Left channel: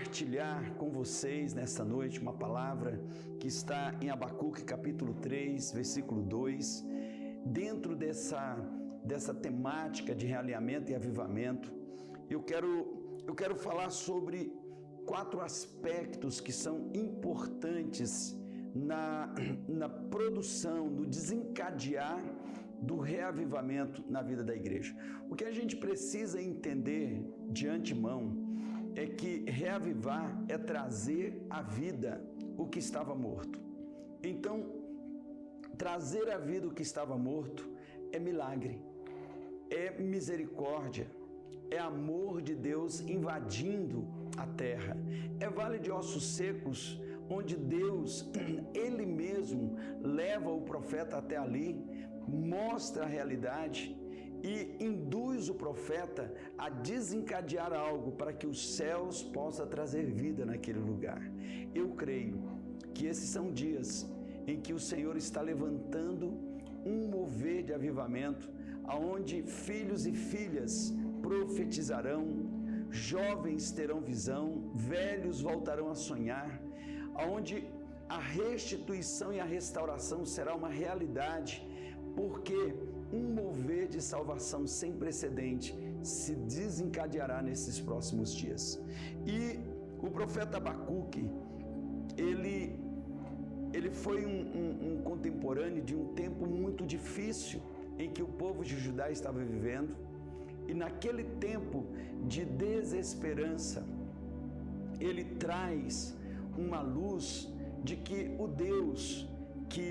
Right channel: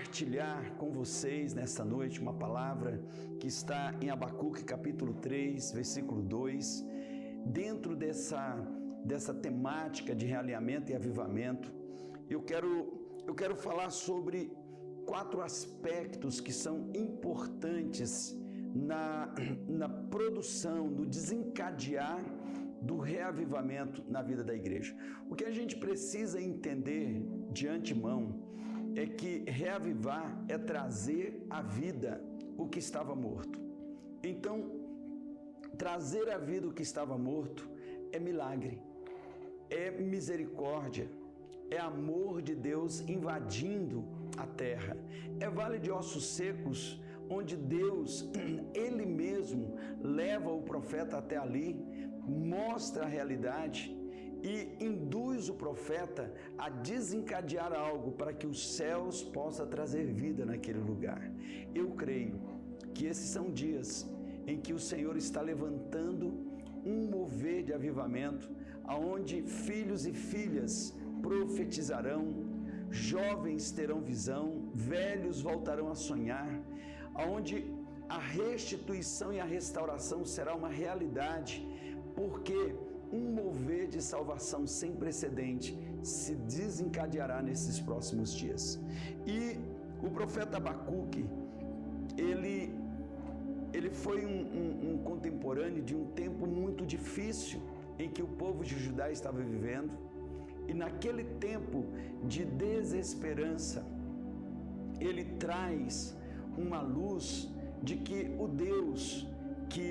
compartilhar com vocês nesta noite uma palavra que está em Abacuque capítulo 3, versículo 2, dentro dessa temática de realinhamento e avivamento. Eu quero falar sobre 4 aspectos que são importantes na produção, no desencadear do reavivamento na vida da igreja. O que a gente precisa entender de antemão é que reavivar é trazer à vida o que estava morto. Então, trazer à vida o que estava morto é milagre, é misericórdia, é amor de Deus invadindo a terra. É vale de ossos secos, onde Deus, Ele mesmo, leva o profeta até ali, mostra a realidade e induz o profeta a desencadear algo para que os céus possam trazer vida naquele lugar. Eu creio que esses são dias em que o Senhor está levantando um mover de avivamento, aonde filhos e filhas profetizarão, jovens terão visão, velhos voltarão a sonhar, aonde a restituição e a restauração será uma realidade, porque um mover de salvação sem precedente se desencadeará nesses próximos dias. E o profeta Abacuque, ele foi um contemporâneo de um tempo muito difícil em que o povo de Judá estava vivendo, e naquele tempo de desesperança, ele traz uma luz de que o Deus que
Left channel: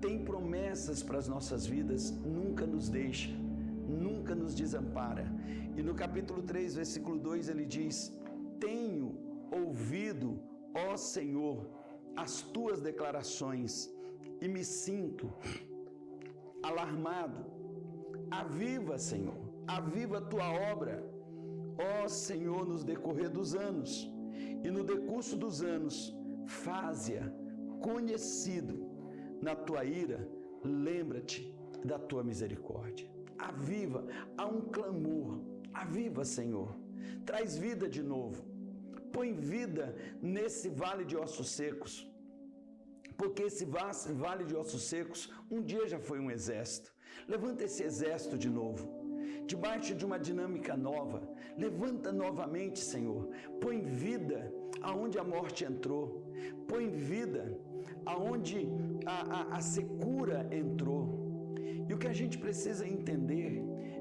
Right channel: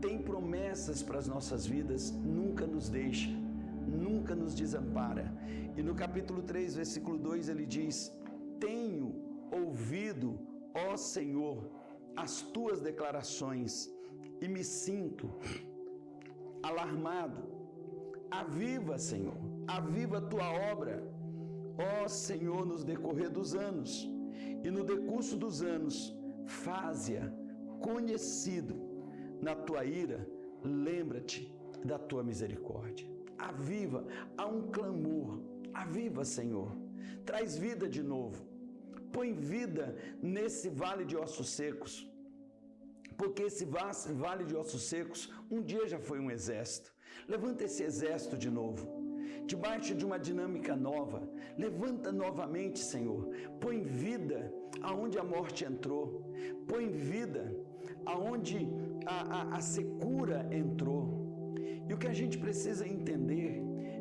tem promessas para as nossas vidas nunca nos deixa, nunca nos desampara. E no capítulo 3, versículo 2, ele diz: tenho ouvido, ó Senhor, as tuas declarações e me sinto alarmado. Aviva, Senhor, aviva a tua obra, ó Senhor, nos decorrer dos anos, e no decurso dos anos, faze-a conhecido. Na tua ira, lembra-te da tua misericórdia. Aviva, há um clamor. Aviva, Senhor, traz vida de novo. Põe vida nesse vale de ossos secos, porque esse vale de ossos secos um dia já foi um exército. Levanta esse exército de novo, debaixo de uma dinâmica nova. Levanta novamente, Senhor. Põe vida aonde a morte entrou. Põe vida aonde a secura entrou. E o que a gente precisa entender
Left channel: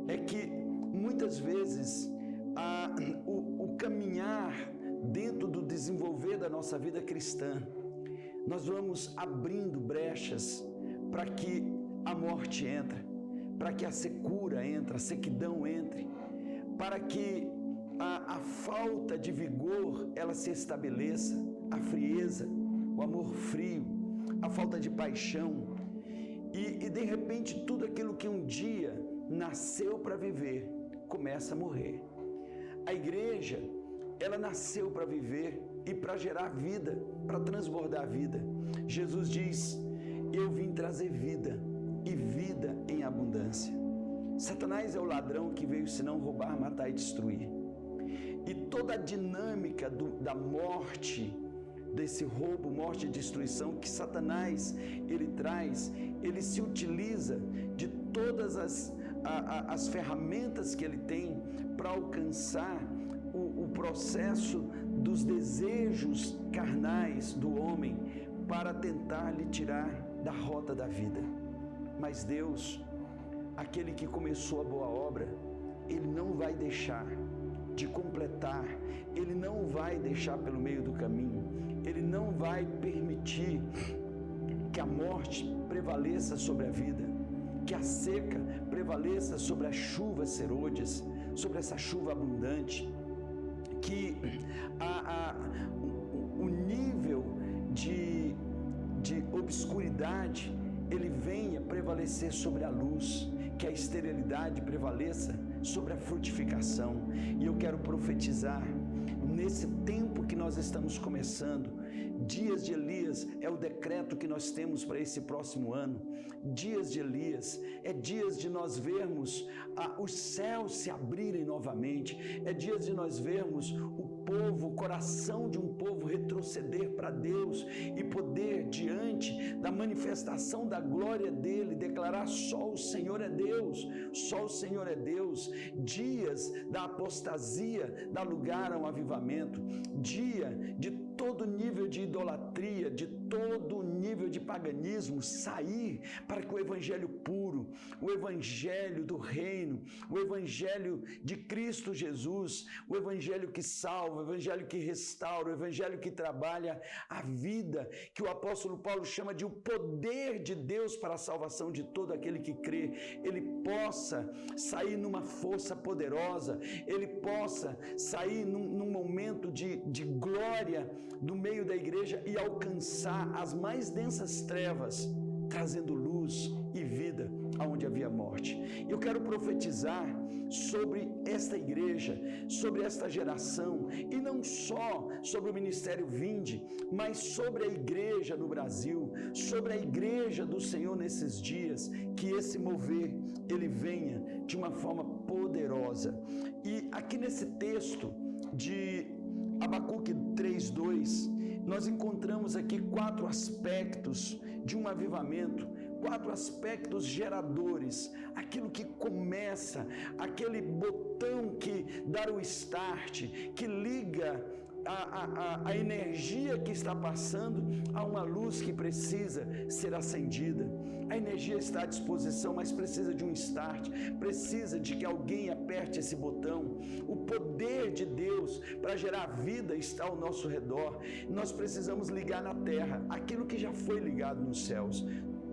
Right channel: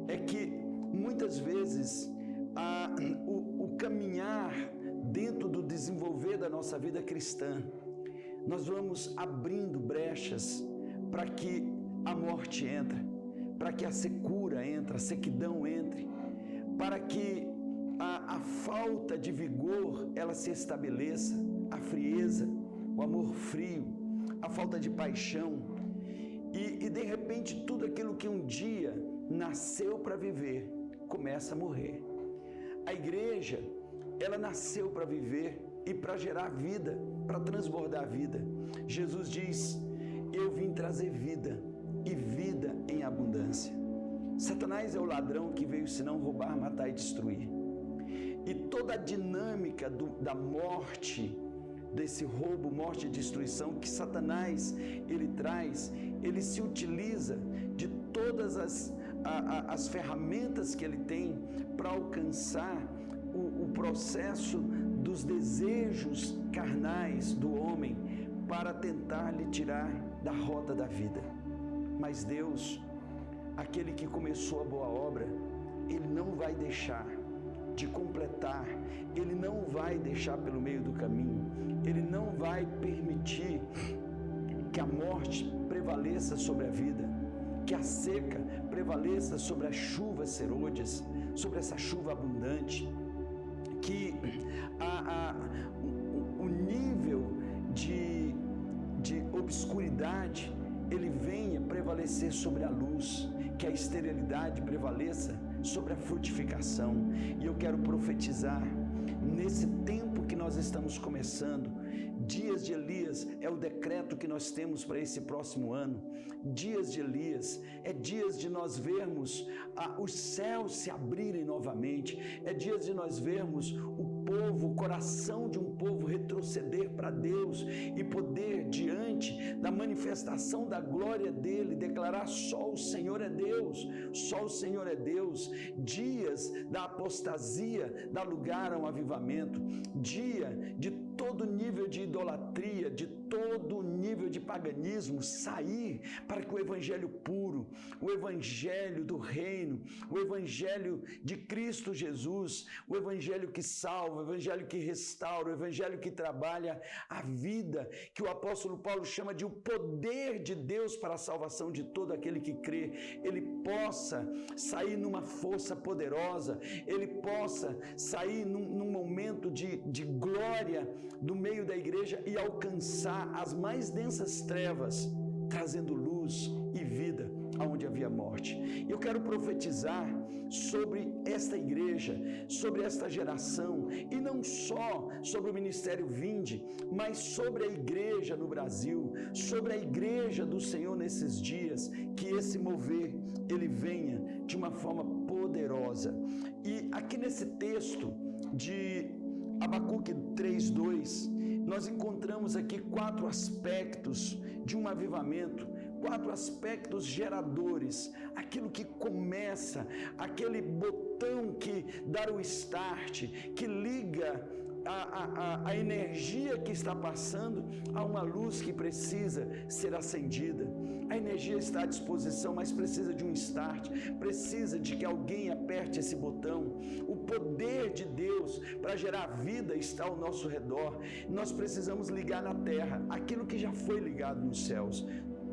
é que muitas vezes o caminhar dentro do desenvolver da nossa vida cristã, nós vamos abrindo brechas para que a morte entre, para que a secura entre, a sequidão entre, para que a falta de vigor ela se estabeleça, a frieza, o amor frio, a falta de paixão, e de repente tudo aquilo que um dia nasceu para viver começa a morrer. A igreja, ela nasceu para viver e para gerar vida, para transbordar a vida. Jesus diz: eu vim trazer vida e vida em abundância. Satanás é o ladrão que veio senão roubar, matar e destruir. E toda a dinâmica da morte, desse roubo, morte e destruição que Satanás ele traz, ele se utiliza de todas as ferramentas que ele tem para alcançar o processo dos desejos carnais do homem, para tentar lhe tirar da rota da vida. Mas Deus, aquele que começou a boa obra, Ele não vai deixar de completar, Ele não vai deixar pelo meio do caminho, Ele não vai permitir que a morte prevaleça sobre a vida, que a seca prevaleça sobre as chuvas serôdias, sobre essa chuva abundante, que o nível de obscuridade ele venha prevalecer sobre a luz, que a esterilidade prevaleça sobre a frutificação. E eu quero profetizar nesse tempo que nós estamos começando, Dias de Elias é o decreto que nós temos para esse próximo ano. Dias de Elias é dias de nós vermos os céus se abrirem novamente, é dias de nós vermos o coração de um povo retroceder para Deus e poder, diante da manifestação da glória dele, declarar: só o Senhor é Deus, só o Senhor é Deus. Dias da apostasia dá lugar a um avivamento, dia de todo nível de idolatria, de todo nível de paganismo sair, para que o evangelho puro, o evangelho do reino, o evangelho de Cristo Jesus, o evangelho que salva, o evangelho que restaura, o evangelho que trabalha a vida, que o apóstolo Paulo chama de o poder de Deus para a salvação de todo aquele que crê, ele possa sair numa força poderosa, ele possa sair num momento de glória do meio da igreja e alcançar as mais densas trevas, trazendo luz e vida aonde havia morte. Eu quero profetizar sobre esta igreja, sobre esta geração, e não só sobre o Ministério Vinde, mas sobre a igreja no Brasil, sobre a igreja do Senhor nesses dias, que esse mover, ele venha de uma forma poderosa. E aqui nesse texto de Abacuque 3:2, nós encontramos aqui 4 aspectos de um avivamento, 4 aspectos geradores, aquilo que começa, aquele botão que dá o start, que liga a energia que está passando a uma luz que precisa ser acendida. A energia está à disposição, mas precisa de um start, precisa de que alguém aperte esse botão. O poder de Deus para gerar vida está ao nosso redor. Nós precisamos ligar na terra aquilo que já foi ligado nos céus.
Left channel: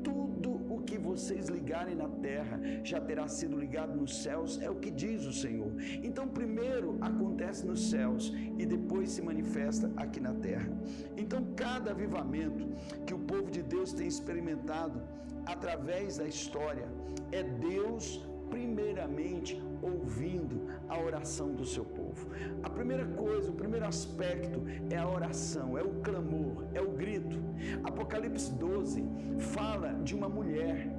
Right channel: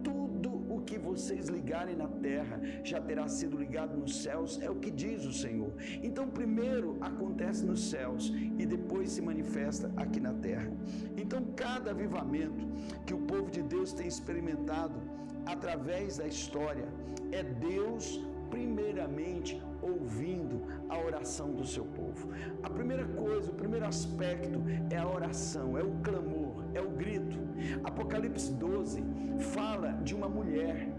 Tudo o que vocês ligarem na terra já terá sido ligado nos céus, é o que diz o Senhor. Então, primeiro acontece nos céus e depois se manifesta aqui na terra. Então, cada avivamento que o povo de Deus tem experimentado através da história é Deus primeiramente ouvindo a oração do seu povo. A primeira coisa, o primeiro aspecto é a oração, é o clamor, é o grito. Apocalipse 12 fala de uma mulher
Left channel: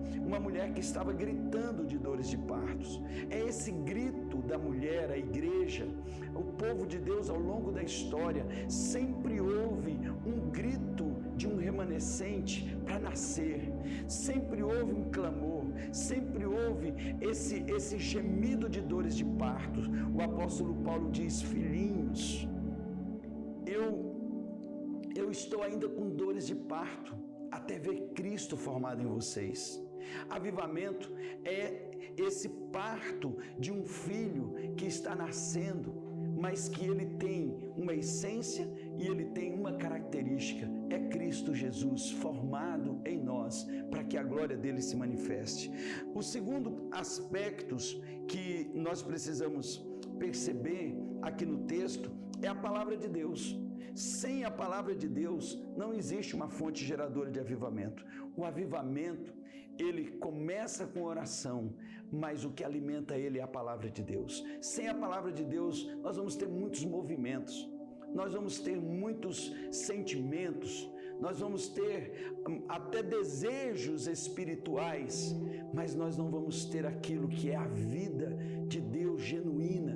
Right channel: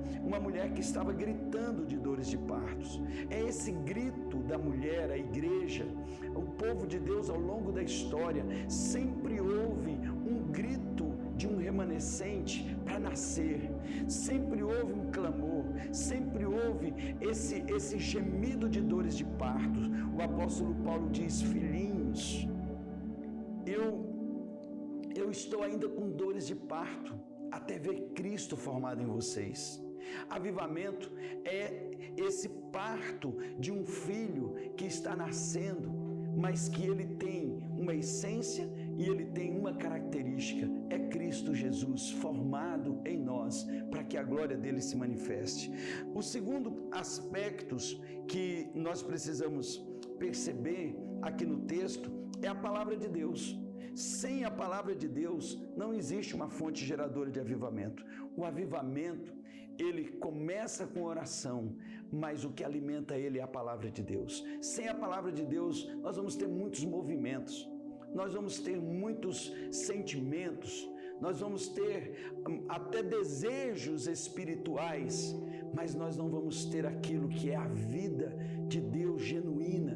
que estava gritando de dores de partos. É esse grito da mulher, a igreja, o povo de Deus ao longo da história sempre houve um grito de um remanescente para nascer, sempre houve um clamor, sempre houve esse gemido de dores de parto. O apóstolo Paulo diz: filhinhos, eu estou ainda com dores de parto, até ver Cristo formado em vocês. Avivamento é esse parto de um filho que está nascendo, mas que ele tem uma essência e ele tem uma característica: é Cristo Jesus formado em nós, para que a glória dele se manifeste. O segundo aspecto que nós precisamos perceber aqui no texto é a palavra de Deus. Sem a palavra de Deus não existe uma fonte geradora de avivamento. O avivamento, ele começa com oração, mas o que alimenta ele é a palavra de Deus. Sem a palavra de Deus, nós vamos ter muitos movimentos, nós vamos ter muitos sentimentos, nós vamos ter até desejos espirituais, mas nós não vamos ter aquilo que é a vida de Deus genuína,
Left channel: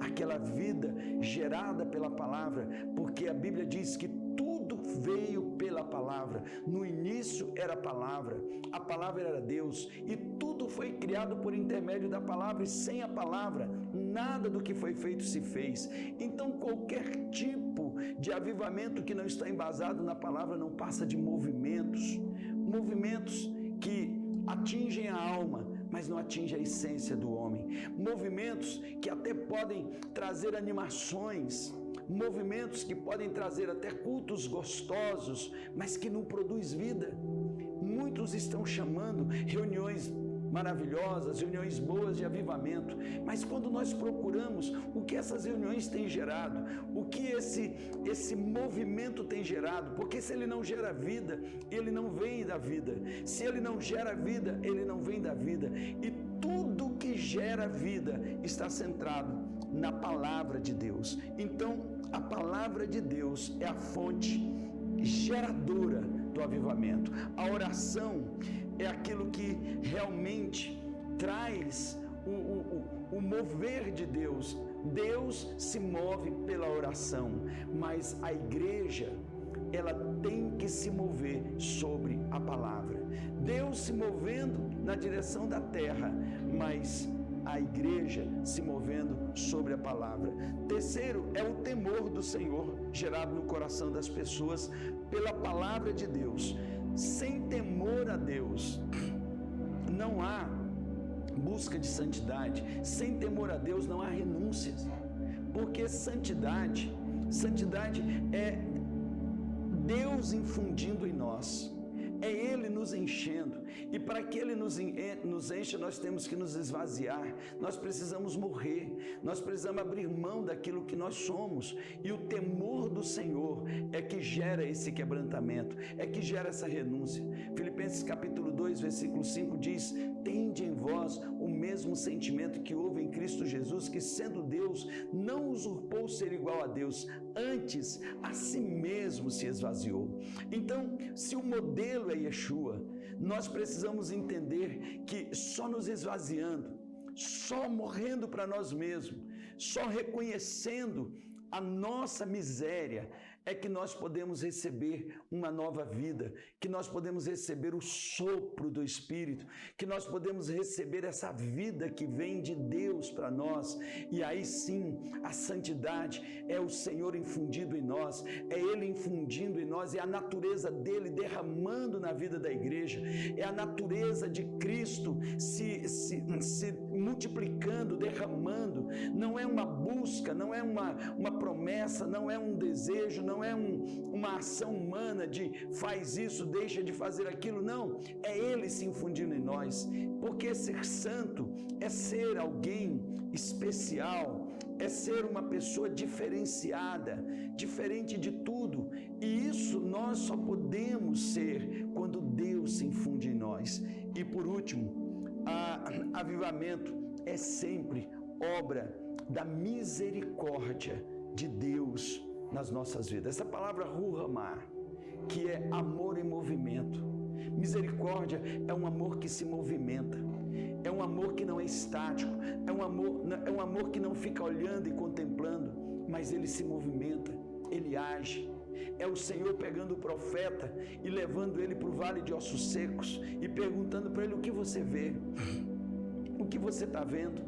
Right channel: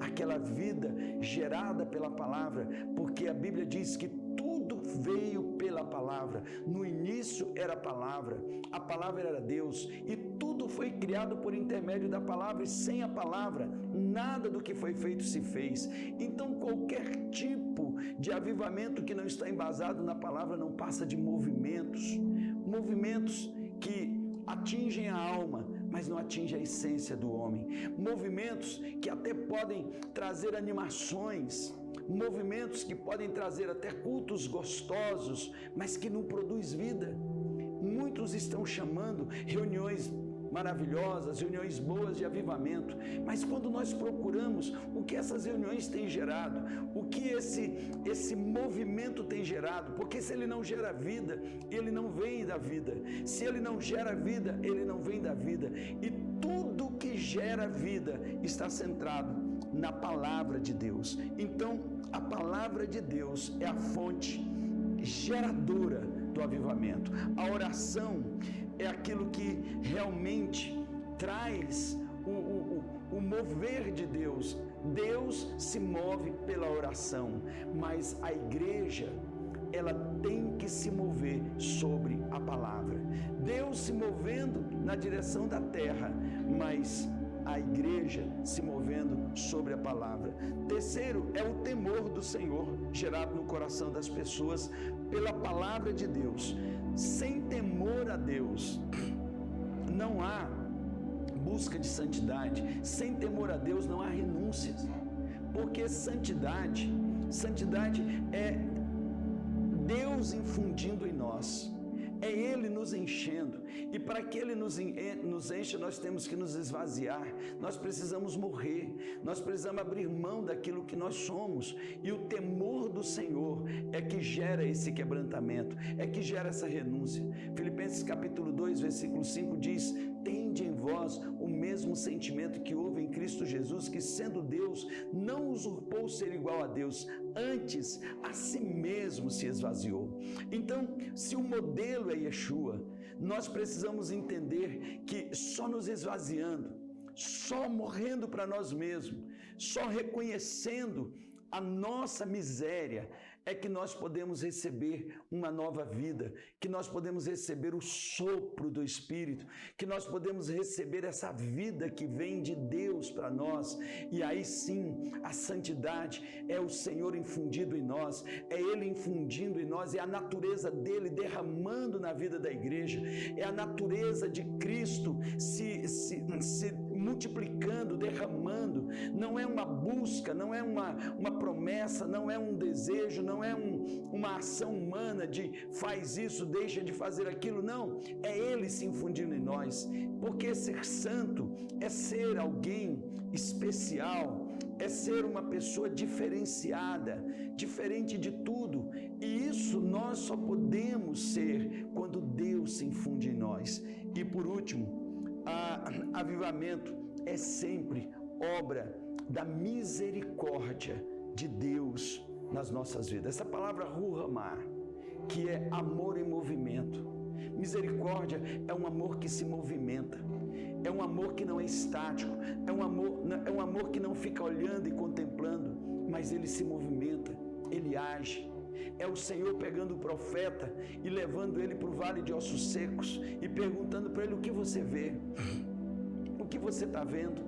aquela vida gerada pela palavra, porque a Bíblia diz que tudo veio pela palavra. No início era a palavra era Deus, e tudo foi criado por intermédio da palavra, e sem a palavra, nada do que foi feito se fez. Então, qualquer tipo de avivamento que não está embasado na palavra não passa de movimentos que atingem a alma, mas não atingem a essência do homem. Movimentos que até podem trazer animações, movimentos que podem trazer até cultos gostosos, mas que não produz vida. Muitos estão chamando reuniões maravilhosas, reuniões boas de avivamento, mas quando nós procuramos o que essas reuniões têm gerado, o que esse movimento tem gerado, porque se ele não gera vida, ele não vem da vida. Se ele não gera vida, ele não vem da vida. E tudo que gera vida está centrado na palavra de Deus. Então, a palavra de Deus é a fonte geradora do avivamento. A oração é aquilo que realmente traz o mover de Deus. Deus se move pela oração, mas a igreja, ela tem que se mover sobre a palavra. Deus se movendo na direção da terra, mas a igreja se movendo sobre a palavra. Terceiro, é o temor do Senhor gerado no coração das pessoas pela palavra de Deus. Sem temor a Deus, não há busca de santidade. Sem temor a Deus, não há renúncias. Porque santidade é Deus infundindo em nós. É Ele nos enchendo. E para que Ele nos encha, nós temos que nos esvaziar. Nós precisamos morrer. Nós precisamos abrir mão daquilo que nós somos. E o temor do Senhor é que gera esse quebrantamento, é que gera essa renúncia. Filipenses capítulo 2, versículo 5 diz: tende em vós o mesmo sentimento que houve em Cristo Jesus, que sendo Deus, não usurpou ser igual a Deus, antes a si mesmo se esvaziou. Então, se o modelo é Yeshua, nós precisamos entender que só nos esvaziando, só morrendo para nós mesmos, só reconhecendo a nossa miséria, é que nós podemos receber uma nova vida, que nós podemos receber o sopro do Espírito, que nós podemos receber essa vida que vem de Deus para nós. E aí sim, a santidade é o Senhor infundido em nós, é Ele infundindo em nós, é a natureza dele derramando na vida da igreja, é a natureza de Cristo se multiplicando, derramando. Não é uma busca, não é uma promessa, não é um desejo, não é uma ação humana de faz isso, deixa de fazer aquilo, não, é Ele se infundindo em nós, porque ser santo é ser alguém especial, é ser uma pessoa diferenciada, diferente de tudo, e isso nós só podemos ser quando Deus se infunde em nós. E por último, avivamento é sempre obra da misericórdia de Deus nas nossas vidas. Essa palavra ruhamar, que é amor em movimento. Misericórdia é um amor que se movimenta, é um amor que não é estático, é um amor que não fica olhando e contemplando, mas ele se movimenta, ele age. É o Senhor pegando o profeta e levando ele para o vale de ossos secos e perguntando para ele: o que você vê? O que você está vendo?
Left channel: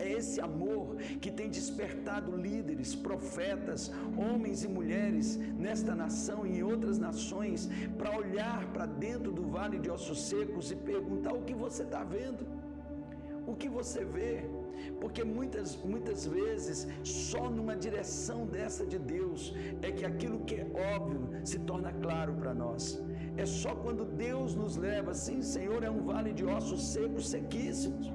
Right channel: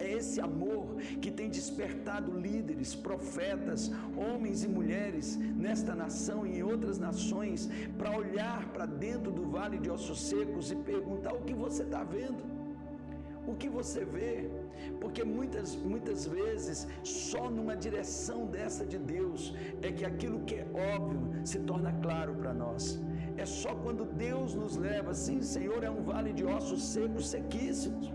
É esse amor que tem despertado líderes, profetas, homens e mulheres nesta nação e em outras nações para olhar para dentro do vale de ossos secos e perguntar: o que você está vendo? O que você vê? Porque muitas vezes só numa direção dessa de Deus é que aquilo que é óbvio se torna claro para nós. É só quando Deus nos leva: sim, Senhor, é um vale de ossos secos, sequíssimos.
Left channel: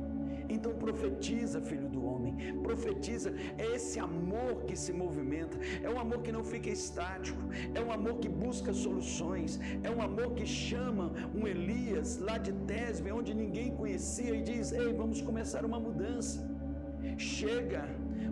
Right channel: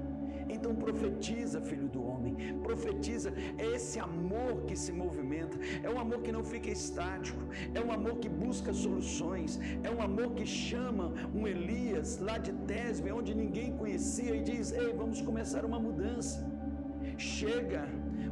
Então profetiza, filho do homem, profetiza. É esse amor que se movimenta, é um amor que não fica estático, é um amor que busca soluções, é um amor que chama um Elias lá de Tesbe, onde ninguém conhecia, e diz: ei, vamos começar uma mudança. Chega,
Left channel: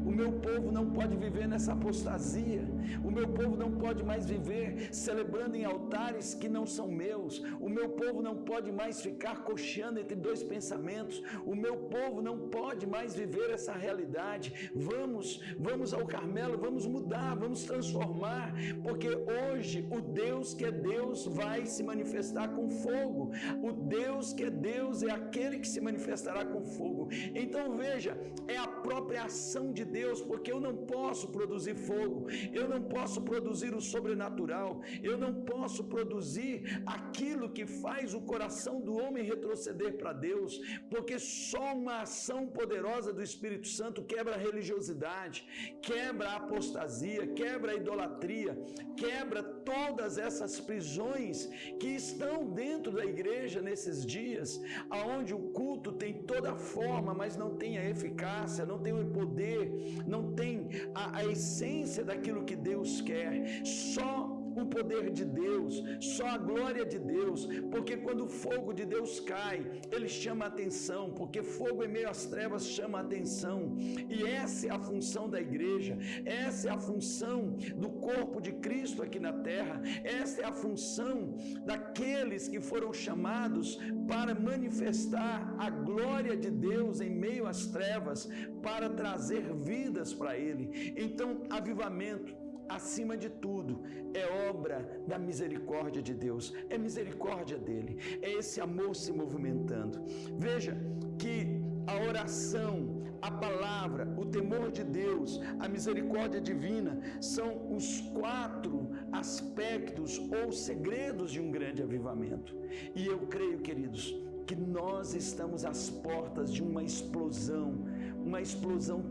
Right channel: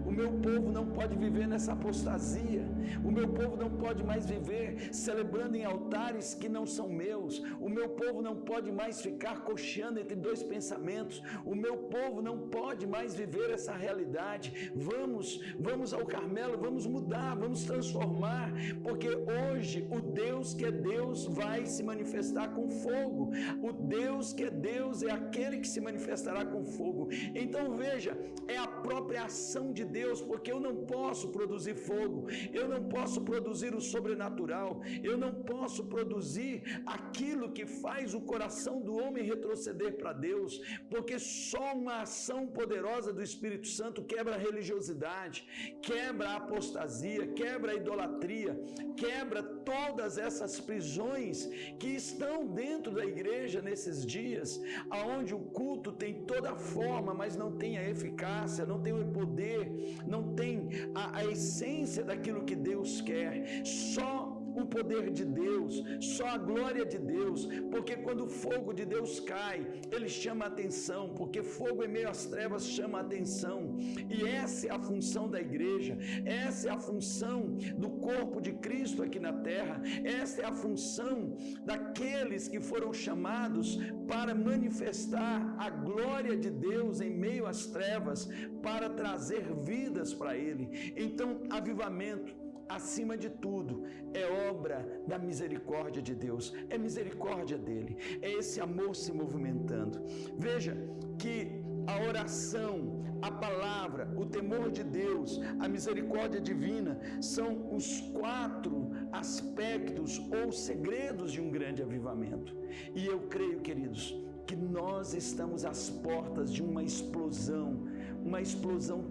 o meu povo não pode viver nessa apostasia, o meu povo não pode mais viver celebrando em altares que não são meus, o meu povo não pode mais ficar cocheando entre dois pensamentos, o meu povo não pode mais viver essa realidade. Vamos ao Carmelo, vamos mudar, vamos transformar, porque hoje o Deus que é Deus vai se manifestar com fogo. O Deus que é Deus é aquele que se manifestará com fogo. Então veja, é a própria ação de Deus, porque eu não posso produzir fogo, eu não posso produzir o sobrenatural, eu não posso produzir aquilo que faz o coração do homem retroceder para Deus, porque só uma ação poderosa do Espírito Santo quebra a religiosidade, quebra a apostasia, quebra a idolatria, quebra todas essas prisões que estão dentro da igreja nesses dias, aonde o culto tem toda a forma, mas não tem a eficácia, não tem o poder, não tem a essência daquilo que Deus quer. Só o poder de Deus, só a glória de Deus, porque quando o fogo de Deus cai, ele chama a atenção, porque fogo em meio às trevas chama a atenção. E essa é a função da igreja, essa é a função do corpo de Cristo aqui na terra, essa é a função daqueles que foram chamados para manifestar a glória de Deus em meio às trevas, para trazer vidas para Ele. Então, avivamento, acima de tudo, é obra da misericórdia de Deus, é misericórdia dele, é esse amor se movimentando. Veja que a oração, a palavra, o temor de Deus, a misericórdia divina são os 4 aspectos ou segredos de um grande avivamento. E eu creio, queridos, que nós estamos às portas de uma explosão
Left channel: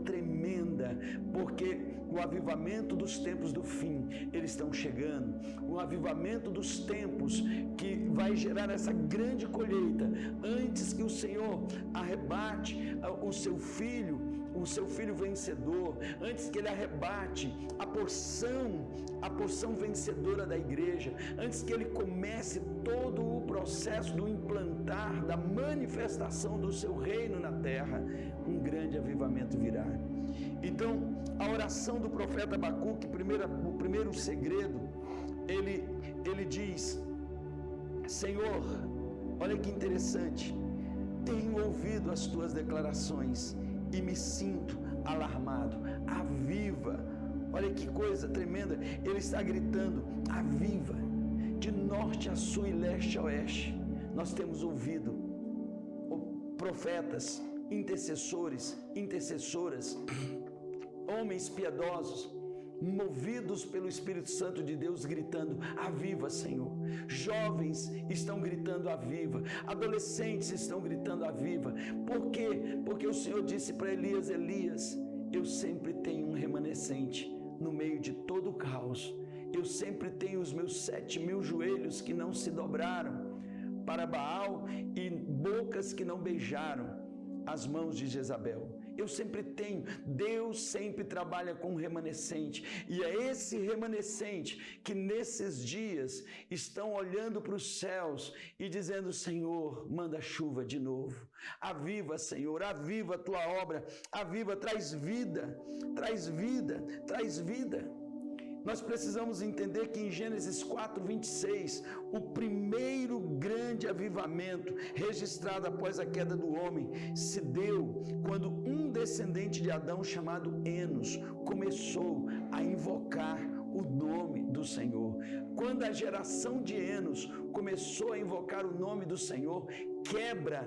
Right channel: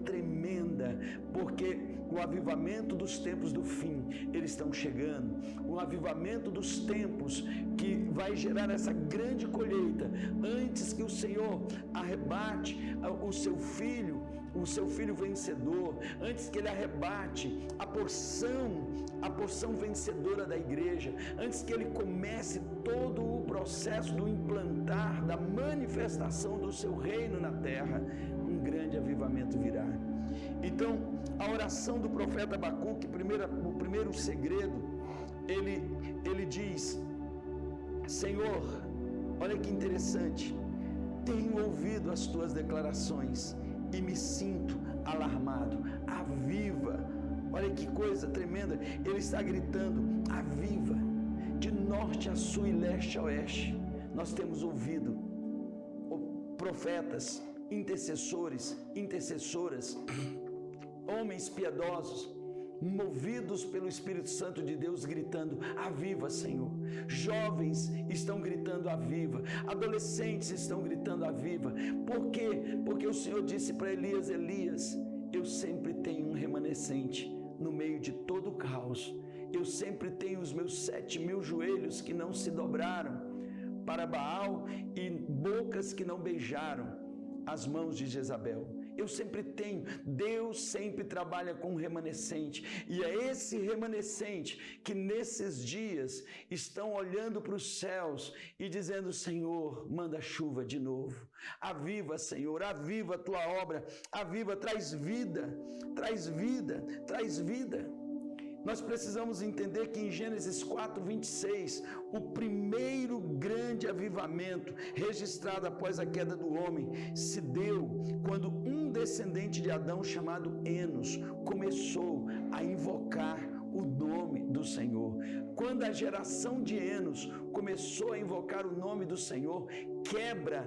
tremenda, porque o avivamento dos tempos do fim, eles estão chegando. O avivamento dos tempos que vai gerar essa grande colheita, antes que o Senhor arrebate o seu filho vencedor, antes que ele arrebate a porção vencedora da igreja, antes que ele comece todo o processo do implantar, da manifestação do seu reino na terra, um grande avivamento virá. Então, a oração do profeta Abacuque, o primeiro segredo, ele diz: Senhor, olha que interessante, tenho ouvido as tuas declarações e me sinto alarmado. Aviva! Olha que coisa tremenda, ele está gritando: aviva! De norte a sul e leste a oeste, nós temos ouvido profetas, intercessoras, homens piedosos, movidos pelo Espírito Santo de Deus, gritando: aviva, Senhor. Jovens estão gritando: aviva. Adolescentes estão gritando: aviva. Por quê? Porque o Senhor disse para Elias: Elias, eu sempre tenho um remanescente no meio de todo o caos. Eu sempre tenho os meus 7.000 joelhos que não se dobraram para Baal e bocas que não beijaram as mãos de Jezabel. Eu sempre tenho. Deus sempre trabalha com um remanescente, e é esse remanescente que nesses dias estão olhando para os céus e dizendo: Senhor, manda chuva de novo. Aviva, Senhor, aviva a tua obra, aviva, traz vida, traz vida, traz vida. Nós precisamos entender que em Gênesis 4:26, o primeiro grande avivamento registrado após a queda do homem se deu quando um descendente de Adão chamado Enos começou a invocar o nome do Senhor. Quando a geração de Enos começou a invocar o nome do Senhor, quebra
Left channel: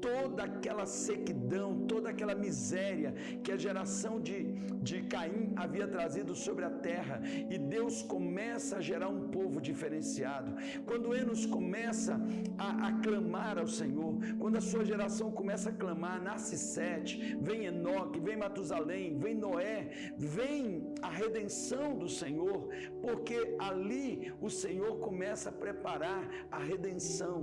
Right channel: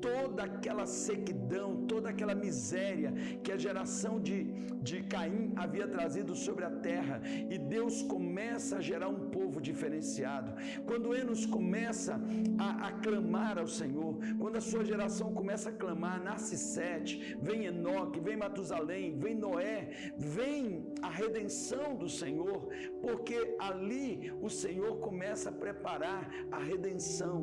toda aquela sequidão, toda aquela miséria que a geração de Caim havia trazido sobre a terra, e Deus começa a gerar um povo diferenciado. Quando Enos começa a clamar ao Senhor, quando a sua geração começa a clamar, nasce Sete, vem Enoque, vem Matusalém, vem Noé, vem a redenção do Senhor, porque ali o Senhor começa a preparar a redenção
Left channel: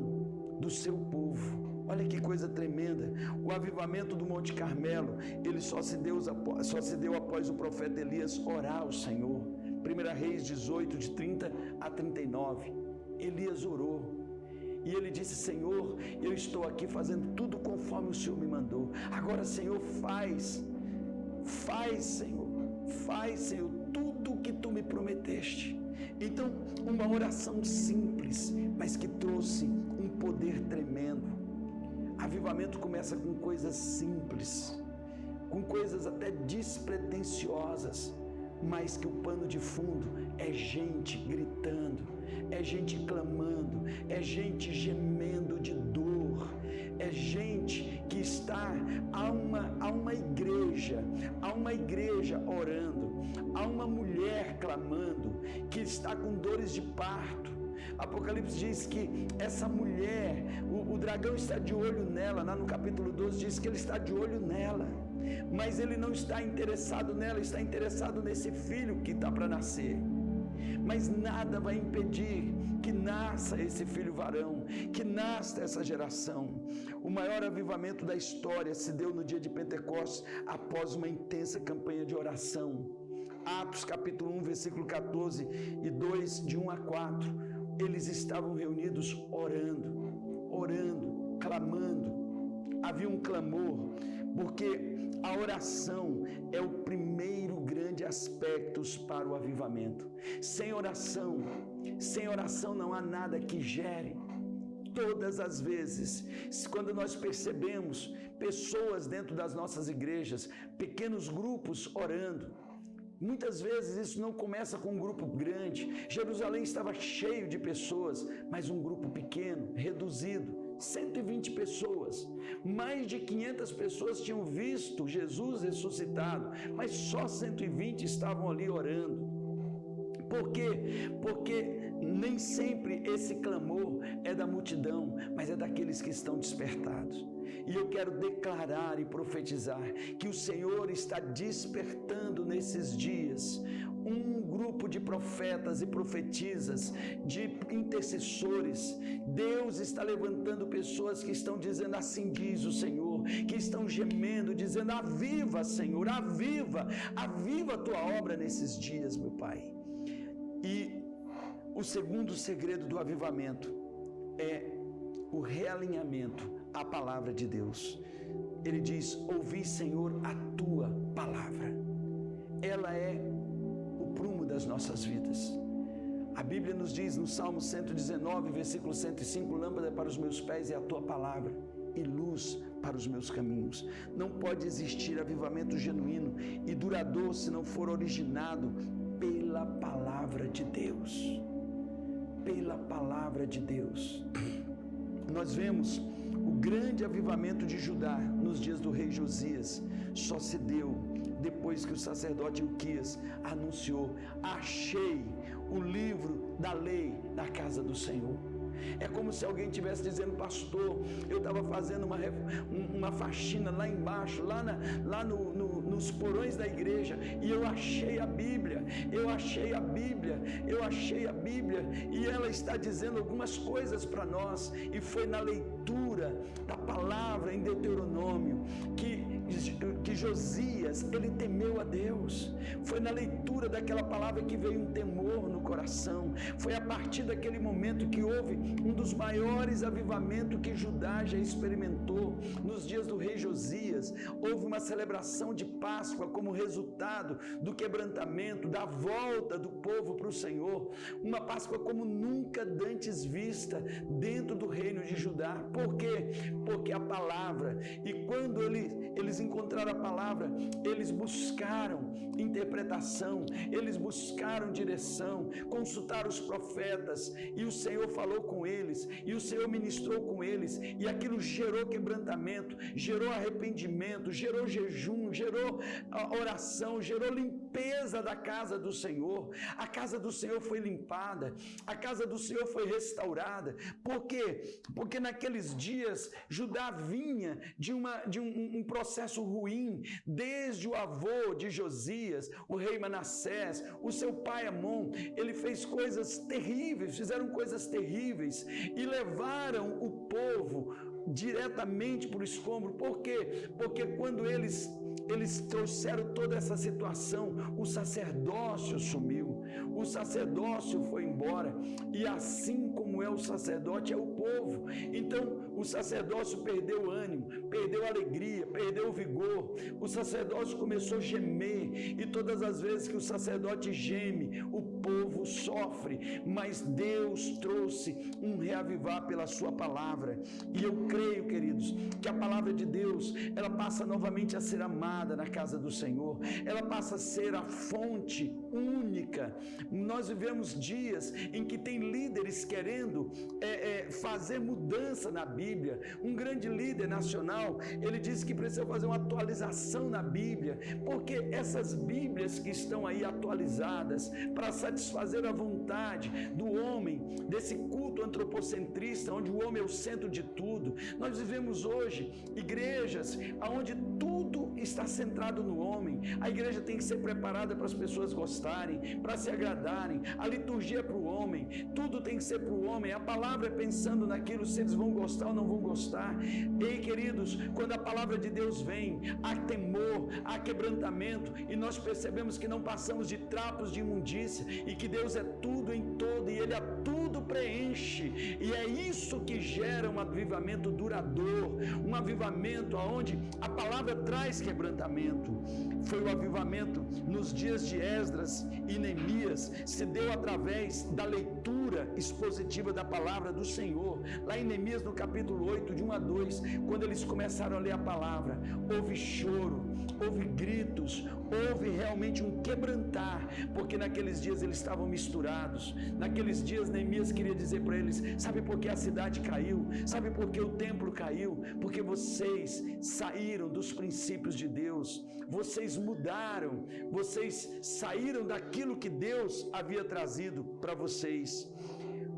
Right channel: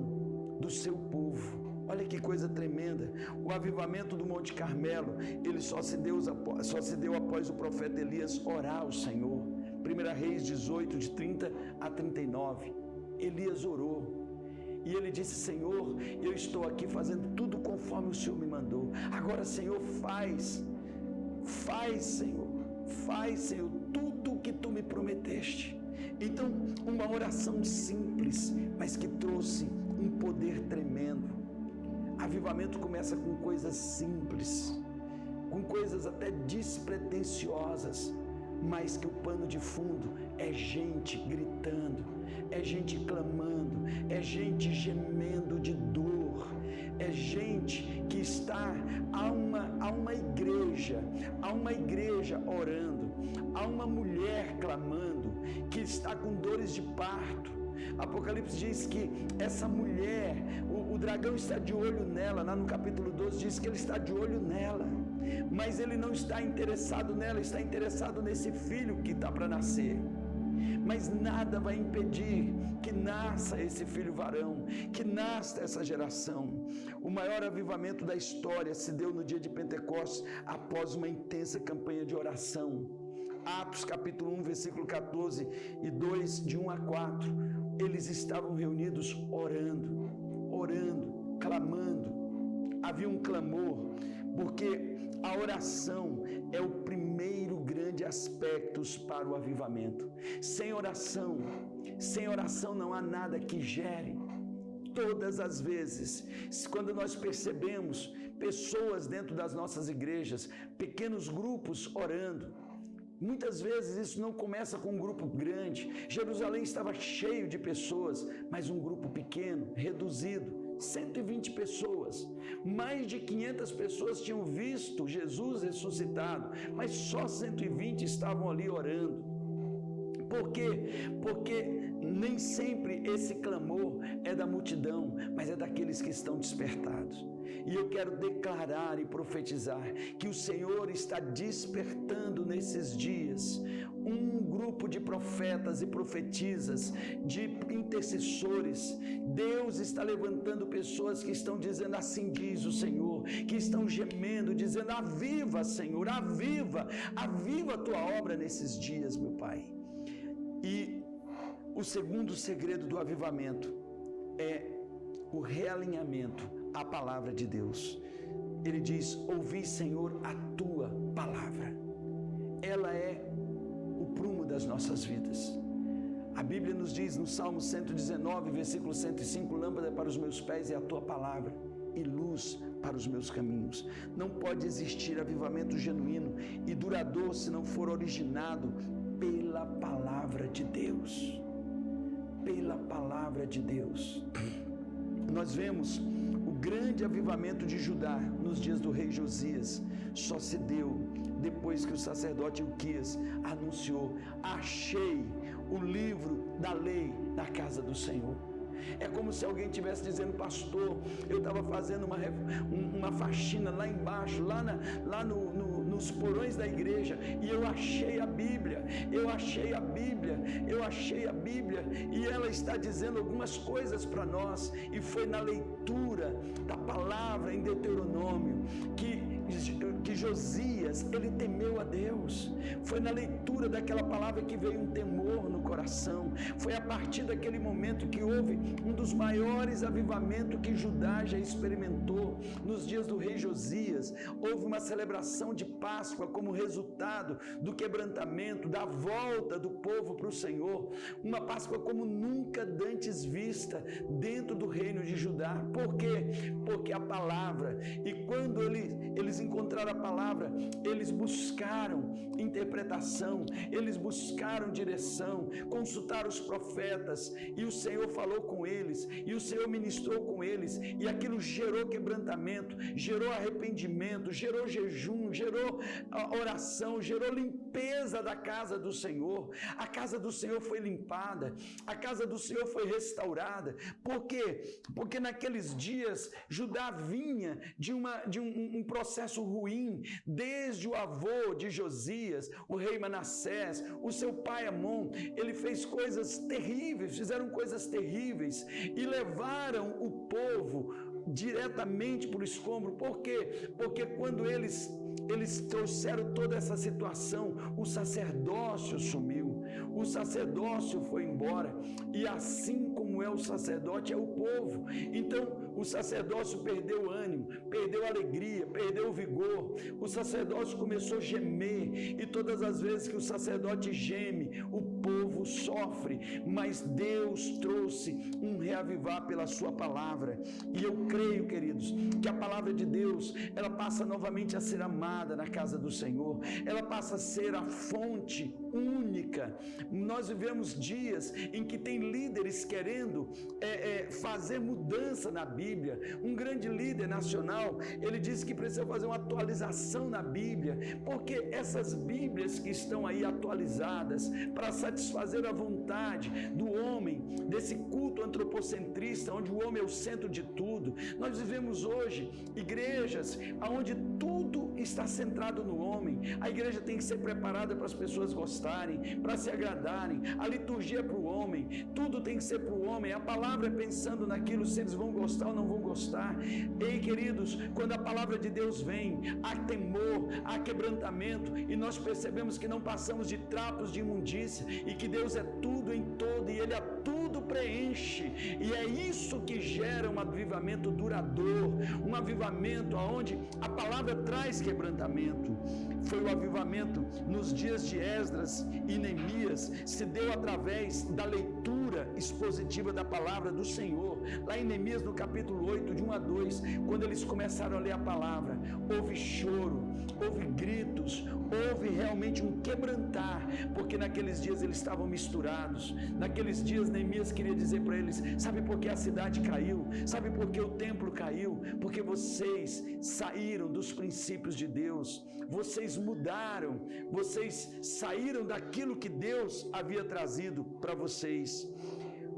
do seu povo. Olha que coisa tremenda. O avivamento do Monte Carmelo, ele só se deu após o profeta Elias orar ao Senhor. 1 Reis 18, de 30 a 39. Elias orou. E ele disse: Senhor, eu estou aqui fazendo tudo conforme o Senhor me mandou. Agora, Senhor, faz, Senhor, tudo o que tu me prometeste. Então, uma oração simples, mas que trouxe um poder tremendo. Avivamento começa com coisas simples, com coisas até despretensiosas, mas que o pano de fundo é gente gritando, é gente clamando, é gente gemendo de dor, é gente que está a uma igreja orando, há uma mulher clamando que está com dores de parto. Apocalipse diz que essa mulher, o dragão está de olho nela. Lá no capítulo 12 diz que ele está de olho nela, mas ele não está interessado nela, está interessado nesse filho que está para nascer. Mas nada vai impedir que nasça esse filho varão, que nasça essa geração. O maior avivamento da história se deu no dia de Pentecostes, após uma intensa campanha de oração. Atos capítulo 1, versículo 14 e 2, de 1 a 4, eles estavam reunidos orando, clamando. Havia um clamor, porque a oração é o primeiro grande aspecto para o avivamento. Sem oração não há nada que gere. Todas as vezes, quando nós percebemos pessoas dentro das nossas igrejas, pequenos grupos orando, muitas vezes isso não começa com um grupo grande. Jerusalém estava cheio de pessoas, mas um grupo pequeno, reduzido, 120 pessoas. Mais de 500 pessoas tinham visto Jesus ressuscitado, mas só 120 estavam ali orando. Por quê? Porque nem sempre esse clamor é da multidão, mas é daqueles que estão despertados. E eu quero declarar e profetizar que o Senhor está despertando nesses dias um grupo de profetas e profetisas, de intercessores. Deus está levantando pessoas que estão dizendo: assim diz o Senhor, que estão gemendo, dizendo: aviva, Senhor, aviva a tua obra nesses dias, meu Pai. E o segundo segredo do avivamento é o realinhamento à palavra de Deus. Ele diz: ouvi, Senhor, a tua palavra. Ela é o prumo das nossas vidas. A Bíblia nos diz no Salmo 119, versículo 105, lâmpada para os meus pés é a tua palavra e luz para os meus caminhos. Não pode existir avivamento genuíno e duradouro se não for originado pela palavra de Deus. Pela palavra de Deus. Nós vemos o grande avivamento de Judá nos dias do rei Josias. Só se deu depois que o sacerdote Ilquias anunciou: achei o livro da lei na casa do Senhor. É como se alguém estivesse dizendo: pastor, eu estava fazendo uma faxina lá embaixo, lá nos porões da igreja, e eu achei a Bíblia, e ela está dizendo algumas coisas para nós, e foi na leitura da palavra em Deuteronômio que Josias, ele temeu a Deus. Foi na leitura daquela palavra que veio um temor no coração. Foi a partir daquele momento que houve um dos maiores avivamentos que Judá já experimentou. Nos dias do rei Josias, houve uma celebração de Páscoa como resultado do quebrantamento, da volta do povo para o Senhor. Uma Páscoa como nunca dantes vista dentro do reino de Judá. Por quê? Porque a palavra, e quando eles encontraram a palavra, eles buscaram interpretação, eles buscaram direção, consultaram os profetas, e o Senhor falou com eles, e o Senhor ministrou com eles, e aquilo gerou quebrantamento, gerou arrependimento, gerou jejum, gerou oração, gerou limpeza da casa do Senhor. A casa do Senhor foi limpada, a casa do Senhor foi restaurada. Por quê? Porque naqueles dias Judá vinha de um processo ruim, desde o avô de Josias, o rei Manassés, o seu pai Amon. Ele fez coisas terríveis, fizeram coisas terríveis e levaram o povo diretamente para o escombro. Por quê? Porque quando eles trouxeram toda essa situação, o sacerdócio sumiu, o sacerdócio foi embora, e assim como é o sacerdote, é o povo. Então o sacerdócio perdeu o ânimo, perdeu a alegria, perdeu o vigor. O sacerdócio começou a gemer, e todas as vezes que o sacerdote geme, o povo sofre. Mas Deus trouxe um reavivar pela sua palavra, e eu creio, queridos, que a palavra de Deus, ela passa novamente a ser amada na casa do Senhor, ela passa a ser a fonte única. Nós vivemos dias em que tem líderes querendo fazer mudança na Bíblia. Um grande líder nacional, ele disse que precisa fazer uma atualização na Bíblia, porque essas Bíblias que estão aí atualizadas para satisfazer a vontade do homem, desse culto antropocentrista, onde o homem é o centro de tudo. Nós vivemos hoje igrejas onde tudo está centrado no homem. A igreja tem que ser preparada para as pessoas gostarem, para se agradarem. A liturgia é para o homem, tudo tem que ser para o homem. A palavra é pensando naquilo, se eles vão gostar ou não vão gostar. Ei, queridos, quando a palavra de Deus vem, há temor, há quebrantamento, e nós percebemos que não passamos de trapos de imundícia, e que Deus é tudo em todo, e Ele a tudo preenche, e é isso que gera um avivamento duradouro, um avivamento onde a palavra traz quebrantamento. Foi o avivamento nos dias de Esdras e Neemias, se deu através da leitura expositiva da palavra do Senhor. Lá em Neemias, no capítulo 8, de 1 a 2, quando eles começaram a ler a palavra, houve choro, houve gritos, houve realmente um quebrantar, porque naqueles dias eles estavam misturados. Naqueles dias Neemias queria dizer para eles: sabe por que a cidade caiu? Sabe por que o templo caiu? Porque vocês saíram dos princípios de Deus, vocês mudaram, vocês saíram daquilo que Deus havia trazido para vocês.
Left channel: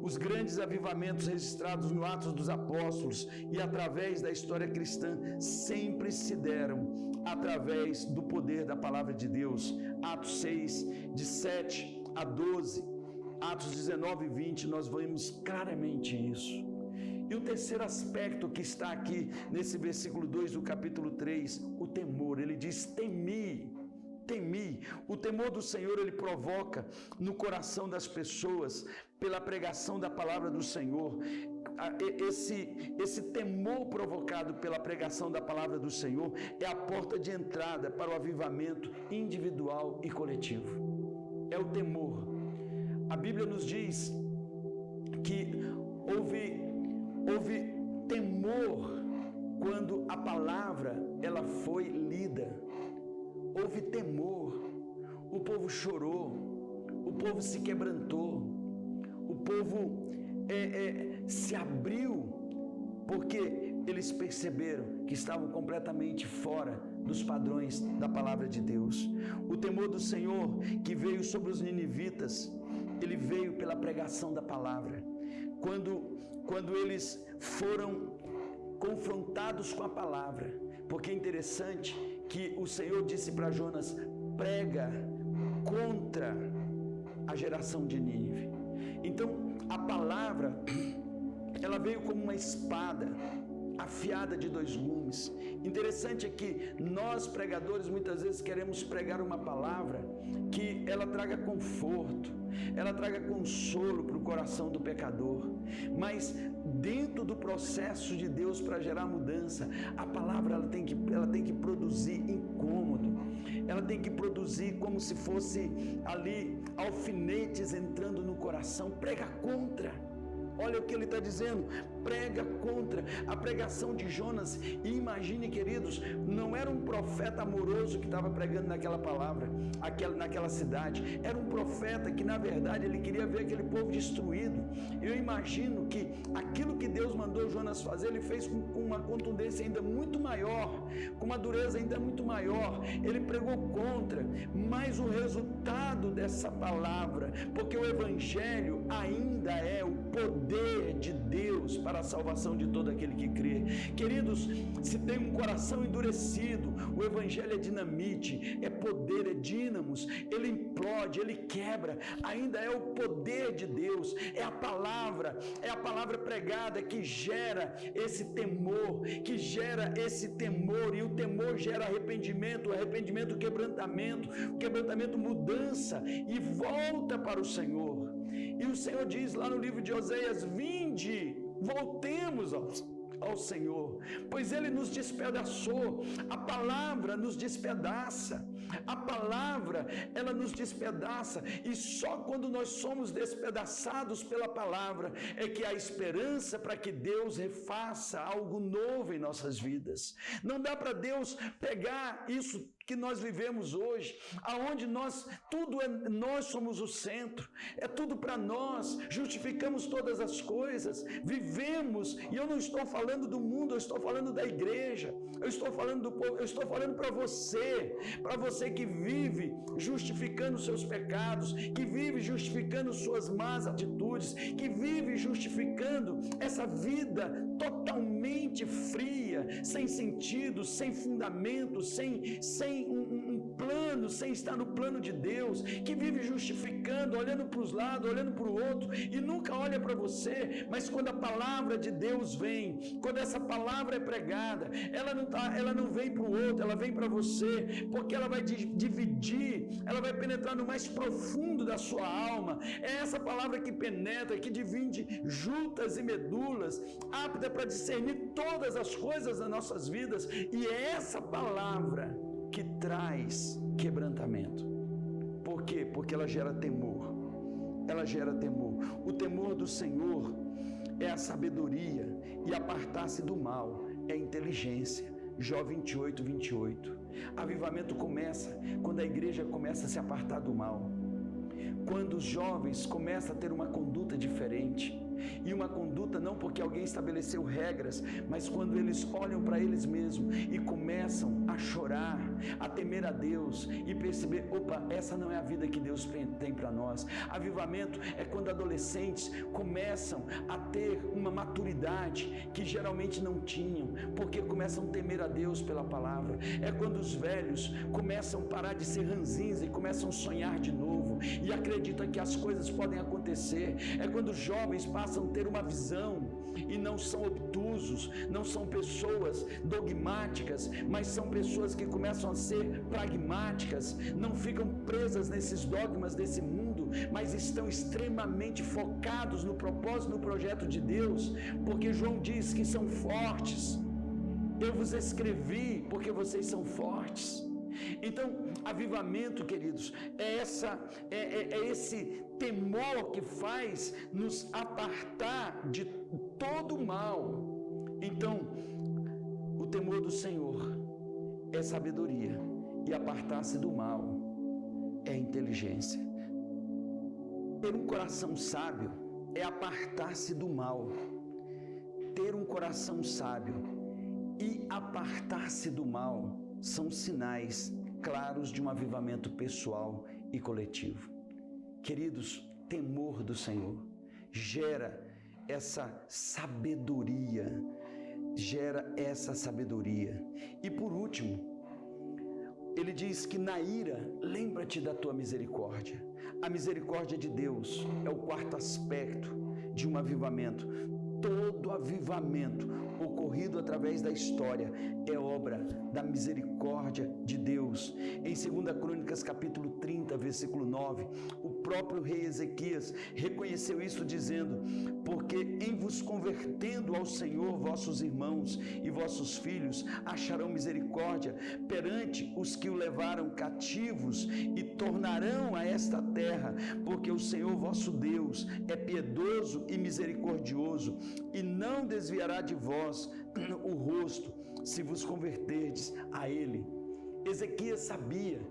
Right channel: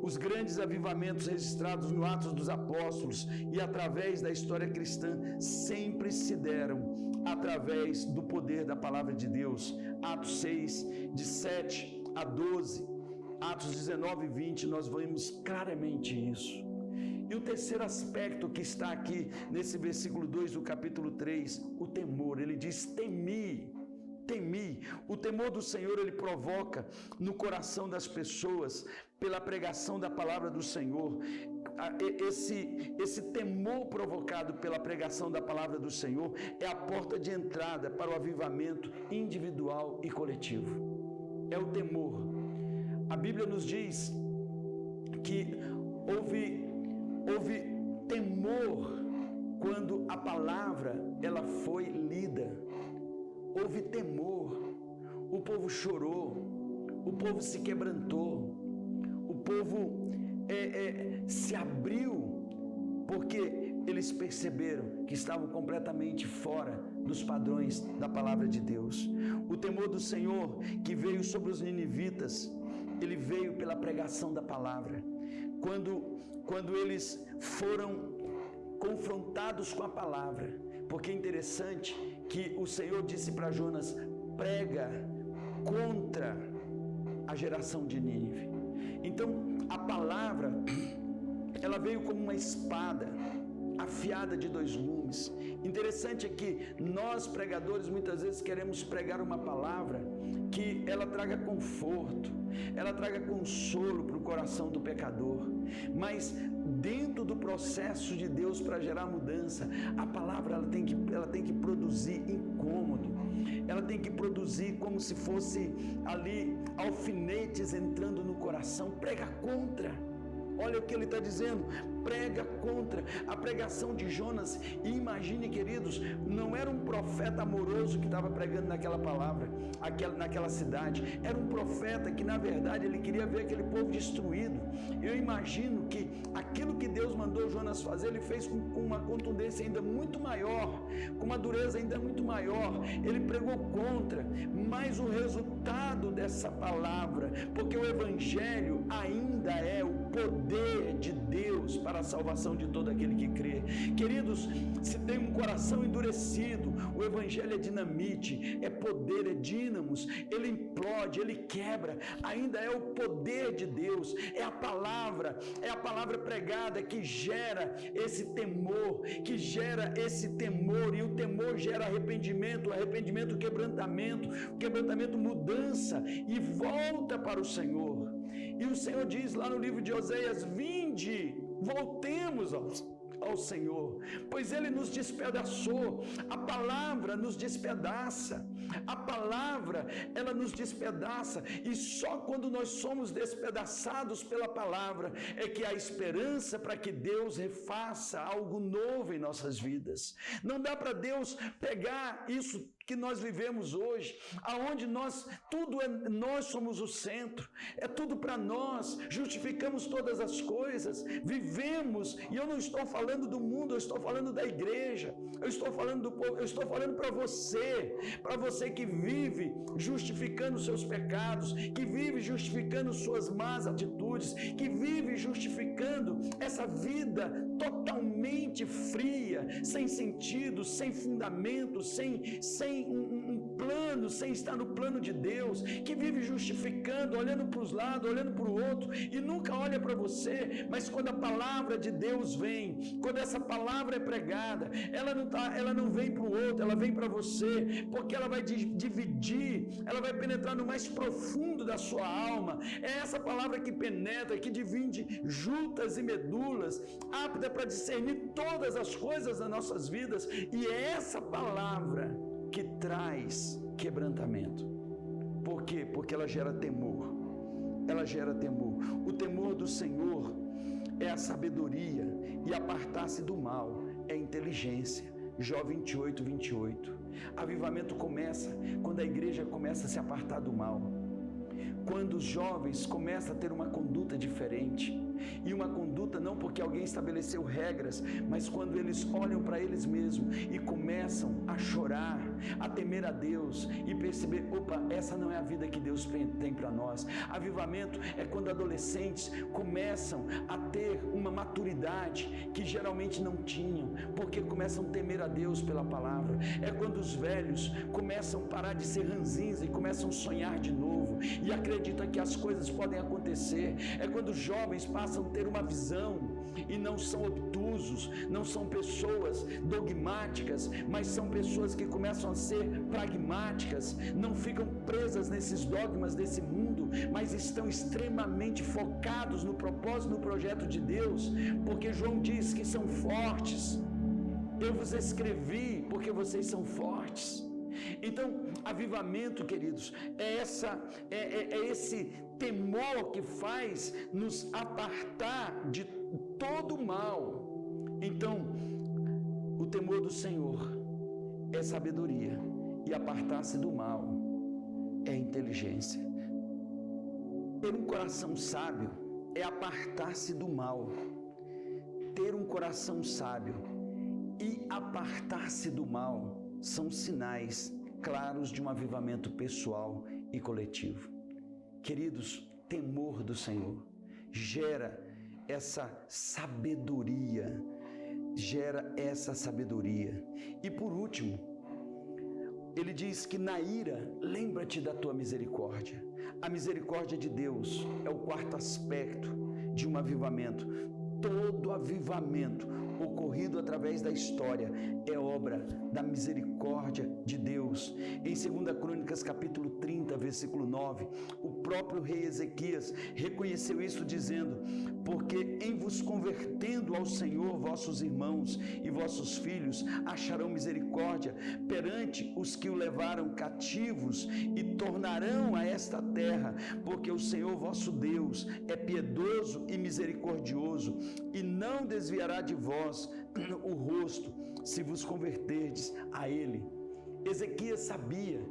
Os grandes avivamentos registrados no Atos dos Apóstolos e através da história cristã sempre se deram através do poder da palavra de Deus. Atos 6, de 7 a 12, Atos 19 e 20, nós vemos claramente isso. E o terceiro aspecto que está aqui nesse versículo 2 do capítulo 3, o temor. Ele diz: temi. O temor do Senhor, ele provoca no coração das pessoas, pela pregação da palavra do Senhor. Esse temor provocado pela pregação da palavra do Senhor é a porta de entrada para o avivamento individual e coletivo. É o temor. A Bíblia nos diz que houve temor quando a palavra ela foi lida. Houve temor, o povo chorou, o povo se quebrantou, o povo se abriu, porque eles perceberam que estavam completamente fora dos padrões da palavra de Deus. O temor do Senhor que veio sobre os ninivitas, ele veio pela pregação da palavra. Quando eles foram confrontados com a palavra, porque é interessante que o Senhor disse para Jonas: prega contra a geração de Nínive. Então, a palavra, ela veio como uma espada afiada de 2 gumes. Interessante é que nós, pregadores, muitas vezes queremos pregar uma palavra que ela traga conforto, ela traga consolo para o coração do pecador. Mas dentro do processo de Deus para gerar mudança, a palavra ela tem que produzir incômodo, ela tem que produzir como se fosse ali alfinetes entrando no coração. Prega contra. Olha o que ele está dizendo: prega contra. A pregação de Jonas, e imagine, queridos, não era um profeta amoroso que estava pregando naquela palavra, naquela cidade. Era um profeta que, na verdade, ele queria ver aquele povo destruído. Eu imagino que aquilo que Deus mandou Jonas fazer, ele fez com uma contundência ainda muito maior, com uma dureza ainda muito maior. Ele pregou contra, mas o resultado dessa palavra, porque o evangelho ainda é o poder de Deus para a salvação de todo aquele que crê. Queridos, se tem um coração endurecido, o evangelho é dinamite, é poder, é dínamos, ele implode, ele quebra. Ainda é o poder de Deus, é a palavra pregada que gera esse temor, e o temor gera arrependimento, quebrantamento, mudança, e volta para o Senhor. E o Senhor diz lá no livro de Oséias: vinde, voltemos ao Senhor, pois Ele nos despedaçou. A palavra nos despedaça, ela nos despedaça, e só quando nós somos despedaçados pela palavra é que há esperança para que Deus refaça algo novo em nossas vidas. Não dá para Deus pegar isso que nós vivemos hoje, aonde nós somos o centro, é tudo para nós, justificamos todas as coisas, vivemos, e eu não estou falando do mundo, eu estou falando da igreja, eu estou falando do povo, eu estou falando para você que vive justificando seus pecados, que vive justificando suas más atitudes, que vive justificando essa vida totalmente fria, sem sentido, sem fundamento, sem um plano, sem estar no plano de Deus, que vive justificando, olhando para os lados, olhando para o outro e nunca olha para você. Mas quando a palavra de Deus vem, quando essa palavra é pregada, ela não vem para o outro, ela vem para você, porque ela vai dividir, ela vai penetrar no mais profundo da sua alma. É essa palavra que penetra, que divide juntas e medulas, apta para discernir todas as coisas das nossas vidas, e é essa palavra que traz quebrantamento. Por quê? Porque ela gera temor. Ela gera temor. O temor do Senhor é a sabedoria, e apartar-se do mal é a inteligência. Jó 28, 28. Avivamento começa quando a igreja começa a se apartar do mal. Quando os jovens começam a ter uma conduta diferente. E uma conduta não porque alguém estabeleceu regras, mas quando eles olham para eles mesmos e começam a chorar, a temer a Deus e perceber, opa, essa não é a vida que Deus tem para nós. Avivamento é quando adolescentes começam a ter uma maturidade que geralmente não tinham, porque começam a temer a Deus pela palavra. É quando os velhos começam a parar de ser ranzinhos e começam a sonhar de novo e acreditam que as coisas podem acontecer. É quando os jovens passam a ter uma visão e não são obtusos, não são pessoas dogmáticas, mas são pessoas que começam a ser pragmáticas, não ficam presas nesses dogmas desse mundo, mas estão extremamente focados no propósito, no projeto de Deus, porque João diz que são fortes. Eu vos escrevi porque vocês são fortes. Então, avivamento, queridos, é esse temor que faz nos apartar de todo o mal. Então, o temor do Senhor é sabedoria, e apartar-se do mal é inteligência. Ter um coração sábio é apartar-se do mal. Ter um coração sábio e apartar-se do mal são sinais claros de um avivamento pessoal e coletivo. Queridos, temor do Senhor gera essa sabedoria, E por último, ele diz que na ira, lembra-te da tua misericórdia. A misericórdia de Deus é o quarto aspecto de um avivamento. Todo avivamento ocorrido através da história é obra da misericórdia de Deus. Em 2 Crônicas capítulo 30, versículo 9, o próprio rei Ezequias reconheceu isso dizendo: porque em vos convertendo ao Senhor, vossos irmãos e vossos filhos acharão misericórdia perante os que o levaram cativos e tornarão a esta terra, porque o Senhor vosso Deus é piedoso e misericordioso, e não desviará de vós o rosto, se vos converterdes a Ele. Ezequias sabia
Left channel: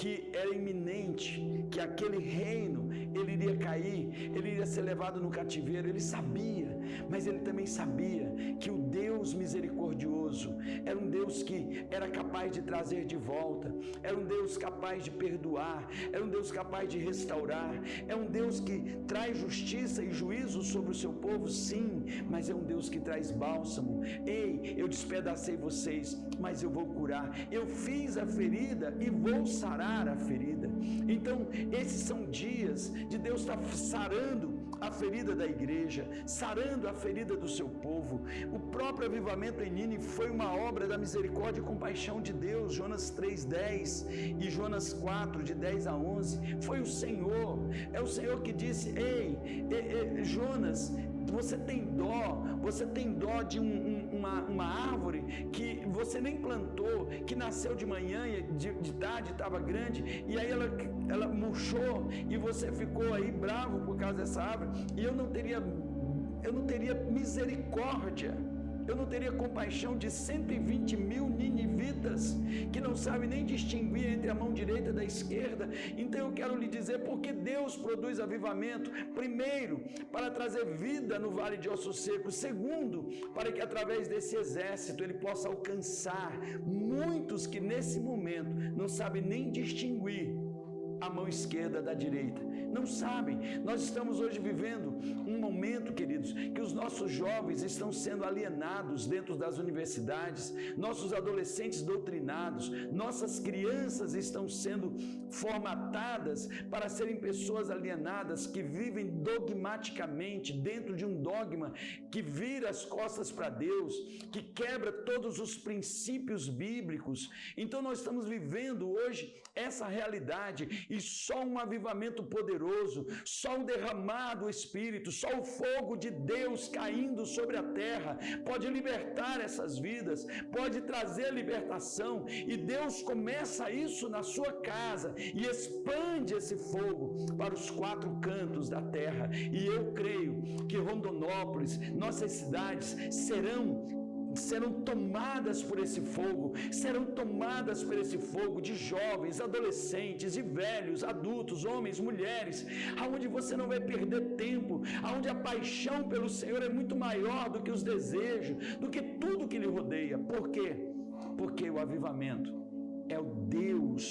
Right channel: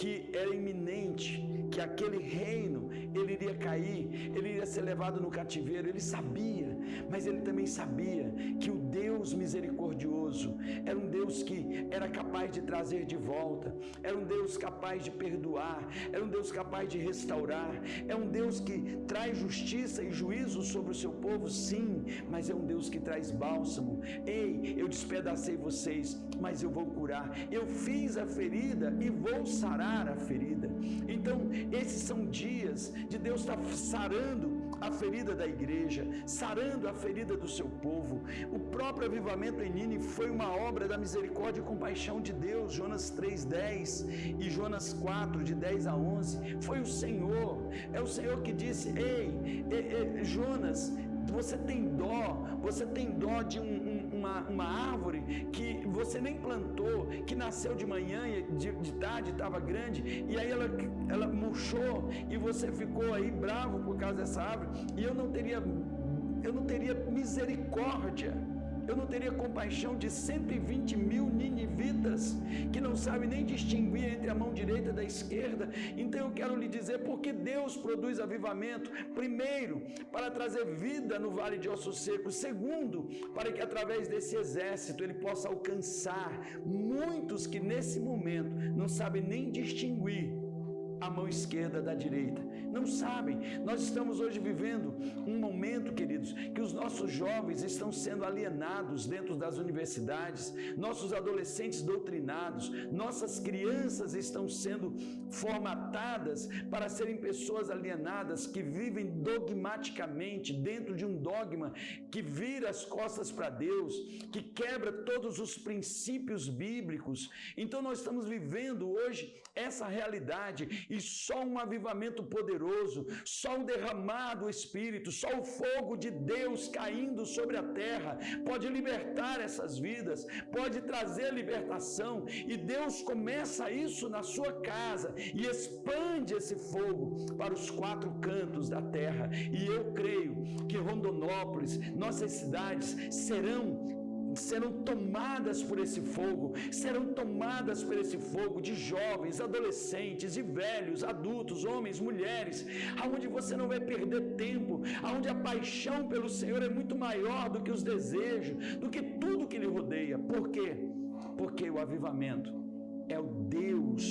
que era iminente, que aquele reino, ele iria cair, ele iria ser levado no cativeiro. Ele sabia, mas ele também sabia que o Deus misericordioso era um Deus que era capaz de trazer de volta, era um Deus capaz de perdoar, era um Deus capaz de restaurar, é um Deus que traz justiça e juízo sobre o seu povo, sim, mas é um Deus que traz bálsamo. Ei, eu despedacei vocês, mas eu vou curar, eu fiz a ferida e vou sarar a ferida. Então, esses são dias de Deus estar sarando a ferida da igreja, sarando a ferida do seu povo. O próprio avivamento em Nínive foi uma obra da misericórdia e compaixão de Deus. Jonas 3:10 e Jonas 4, de 10 a 11, foi o Senhor, é o Senhor que disse: ei, Jonas, você tem dó de uma árvore que você nem plantou, que nasceu de manhã e de tarde estava grande, e aí ela murchou e você ficou aí bravo por causa dessa árvore, e eu não teria misericórdia eu não teria compaixão de 120 mil ninivitas que não sabem nem distinguir entre a mão direita da esquerda. Então eu quero lhe dizer porque Deus produz avivamento. Primeiro, para trazer vida no vale de ossos secos. Segundo, para que através desse exército ele possa alcançar muitos que nesse momento não sabem nem distinguir a mão esquerda da direita. Não sabem. Nós estamos hoje vivendo um momento, queridos, que os nossos jovens estão sendo alienados dentro das universidades, nossos adolescentes doutrinados, nossas crianças estão sendo formatadas para serem pessoas alienadas que vivem dogmaticamente dentro de um dogma que vira as costas para Deus, que quebra todos os princípios bíblicos. Então nós estamos vivendo hoje essa realidade e só um avivamento poderoso, só um derramar do Espírito, só o fogo de Deus caindo sobre a terra pode libertar essas vidas, pode trazer libertação, e Deus começa isso na sua casa e expande esse fogo para os 4 cantos da terra. E eu creio que Rondonópolis, nossas cidades serão tomadas por esse fogo, serão tomadas por esse fogo de jovens, adolescentes e velhos, adultos, homens, mulheres, aonde você não vai perder tempo, aonde a paixão pelo Senhor é muito maior do que os desejos, do que tudo que lhe rodeia. Por quê? Porque o avivamento é o Deus,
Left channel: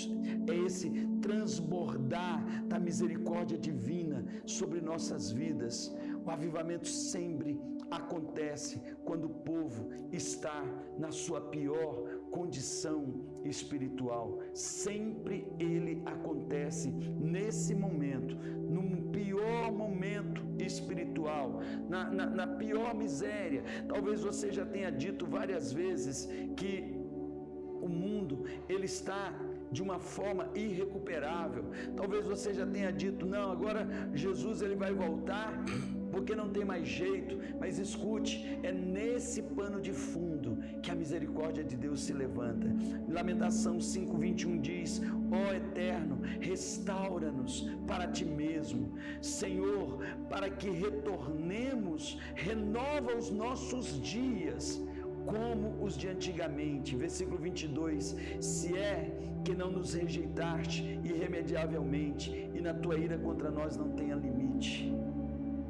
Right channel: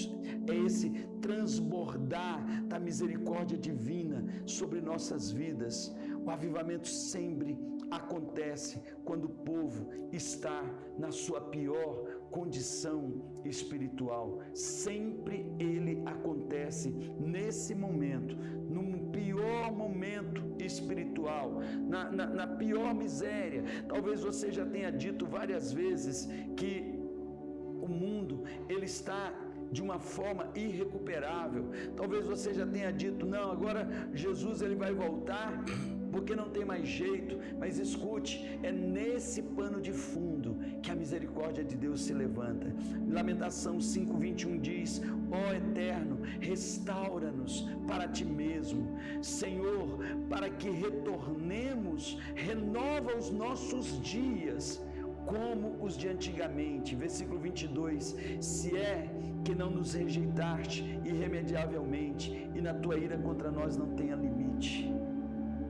é esse transbordar da misericórdia divina sobre nossas vidas. O avivamento sempre acontece quando o povo está na sua pior condição espiritual. Sempre ele acontece nesse momento, no pior momento espiritual, na pior miséria. Talvez você já tenha dito várias vezes que o mundo, ele está de uma forma irrecuperável. Talvez você já tenha dito, não, agora Jesus ele vai voltar porque não tem mais jeito. Mas escute, é nesse pano de fundo que a misericórdia de Deus se levanta. Lamentação 5:21 diz: ó Eterno, restaura-nos para ti mesmo. Senhor, para que retornemos, renova os nossos dias como os de antigamente. Versículo 22, se é que não nos rejeitaste irremediavelmente, e na tua ira contra nós não tenha limite.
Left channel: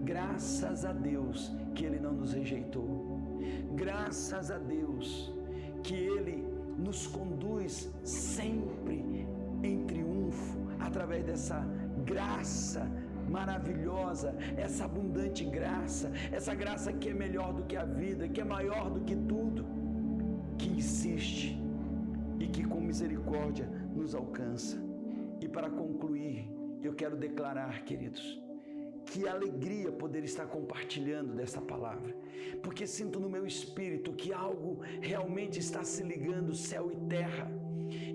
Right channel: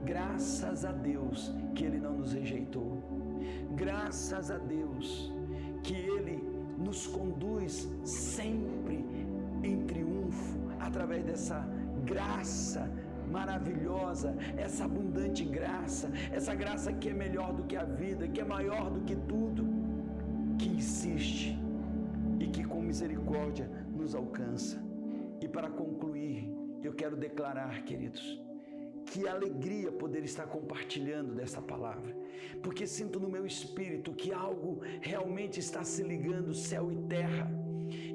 Graças a Deus que Ele não nos rejeitou. Graças a Deus que Ele nos conduz sempre em triunfo, através dessa graça maravilhosa, essa abundante graça, essa graça que é melhor do que a vida, que é maior do que tudo, que insiste e que com misericórdia nos alcança. E para concluir, eu quero declarar, queridos, que alegria poder estar compartilhando dessa palavra, porque sinto no meu espírito que algo realmente está se ligando céu e terra,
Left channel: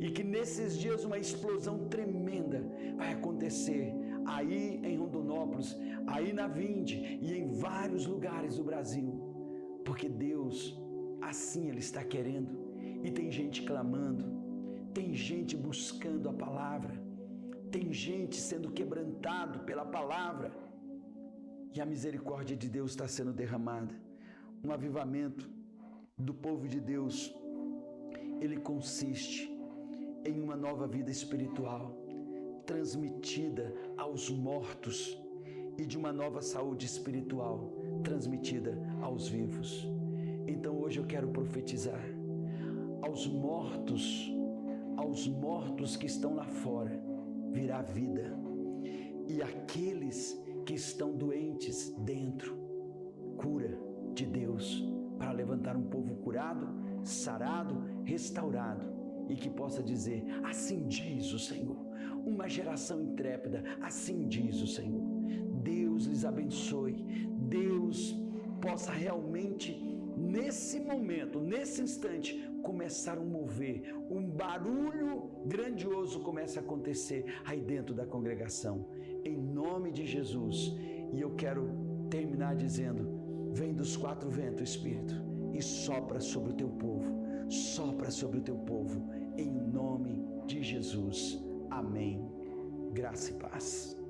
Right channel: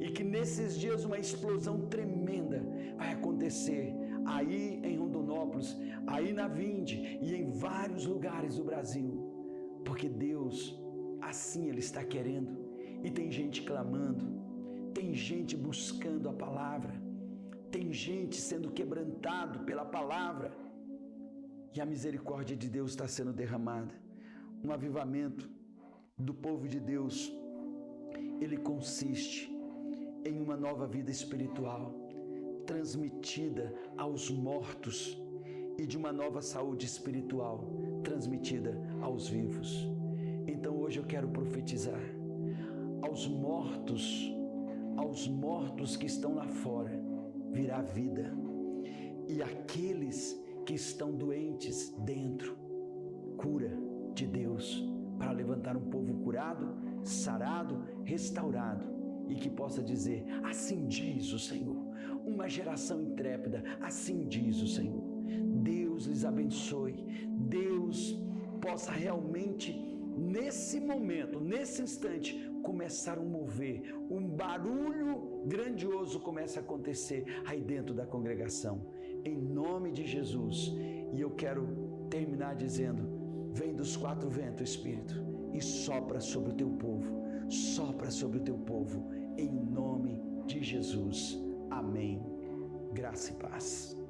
e que nesses dias uma explosão tremenda vai acontecer aí em Rondonópolis, aí na Vinde e em vários lugares do Brasil, porque Deus, assim Ele está querendo, e tem gente clamando, tem gente buscando a palavra, tem gente sendo quebrantado pela palavra, e a misericórdia de Deus está sendo derramada. Um avivamento do povo de Deus, ele consiste em uma nova vida espiritual, transmitida aos mortos, e de uma nova saúde espiritual, transmitida aos vivos. Então hoje eu quero profetizar aos mortos que estão lá fora, virá vida, e aqueles que estão doentes dentro, cura de Deus, para levantar um povo curado, sarado, restaurado, e que possa dizer, assim diz o Senhor. Uma geração intrépida, assim diz o Senhor. Deus lhes abençoe, Deus possa realmente, nesse momento, nesse instante, começar um mover, um barulho grandioso começa a acontecer aí dentro da congregação, em nome de Jesus. E eu quero terminar dizendo, vem dos 4 ventos, Espírito, e sopra sobre o teu povo, sopra sobre o teu povo, em nome de Jesus. Amém. Graça e paz.